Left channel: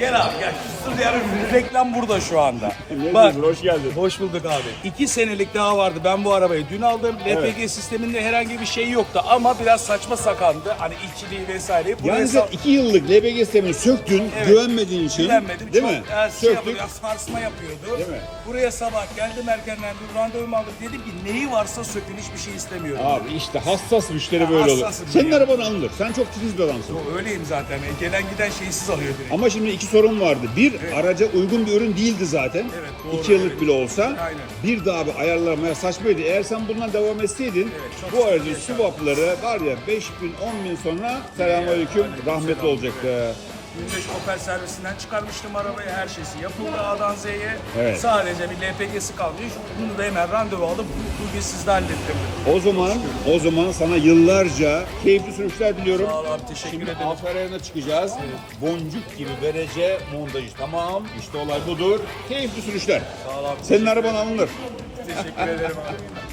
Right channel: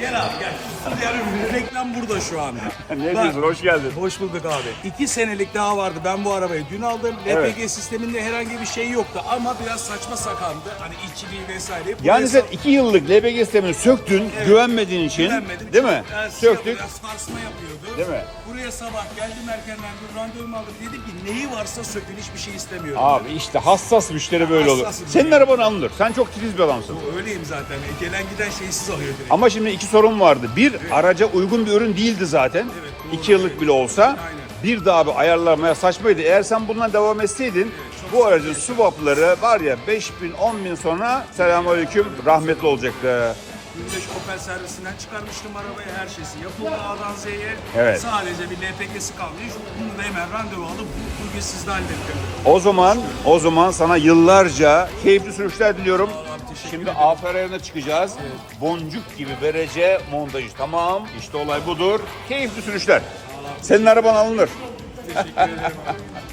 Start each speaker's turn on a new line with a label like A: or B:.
A: Gel abi gel. Yani reklam burada şu anda.
B: Ne
A: Bak,
B: diyorsun? Hoş geldin.
A: Hoş bulduk abi. İki senelik daha vardı. Ben bu arabayı dün aldım. LPG sisteminde herhangi bir şey yoktu ama biraz saçma sakandı. Hani içiliği vesaireyi. buraya
B: Yani sen iki yıllık LPG sistemini söktün,
A: Evet.
B: güvenmediğin için.
A: Güvenmedim.
B: Değil
A: Çok
B: mi?
A: şey
B: Söktük.
A: yapıyor, sarsma yapıyordu.
B: Değil mi?
A: Buraya sabah geldim erkenden bir randevumu aldım. Dedim ki neyi varsa sökün hiçbir şey istemiyorum.
B: Abi işte hassas müşteri
A: Ya
B: böyle olur.
A: hassasım
B: Senin
A: ben.
B: araban alınır. Sen çok titiz bir adamsın.
A: Öyleyim zaten. E, Gelen giden şeysiz alıyor direkt.
B: Ama şimdi iki sorun vardı. Bir, araca uygun bir ürün değildi zaten.
A: Evet, doğru,
B: iki yıllık
A: evet.
B: bile olsa.
A: Aynen.
B: Bir de abi ayarlamaya saçmaydı. Eğer sen bundan devam etseydin
A: çok
B: bu aracın swapları var ya 5 bin 10 bin sonra selamünaleyküm rahmetli olacaktı.
A: Gündeş Opel servisinden çıkarmıştım arabayı. Her şeysi yapıldı A'dan Z'ye.
B: Evet.
A: Sadece bir LPG'si kalmış. Bunu da hemen randevu alıp bugün sizde hallettim.
B: O zaman o zaman sana yıllarca keyifli sürüşler diliyorum.
A: Sağ ol abi, teşekkür
B: Şimdi
A: ederim.
B: Aferay'ına çıkacağız. Boncuk gibi verece montajı. Tamam. İşte olay budur. Keyifli sürüşler.
A: Sağ ol abi.
B: Senin araban alınır.
A: Teşekkür ederim abi.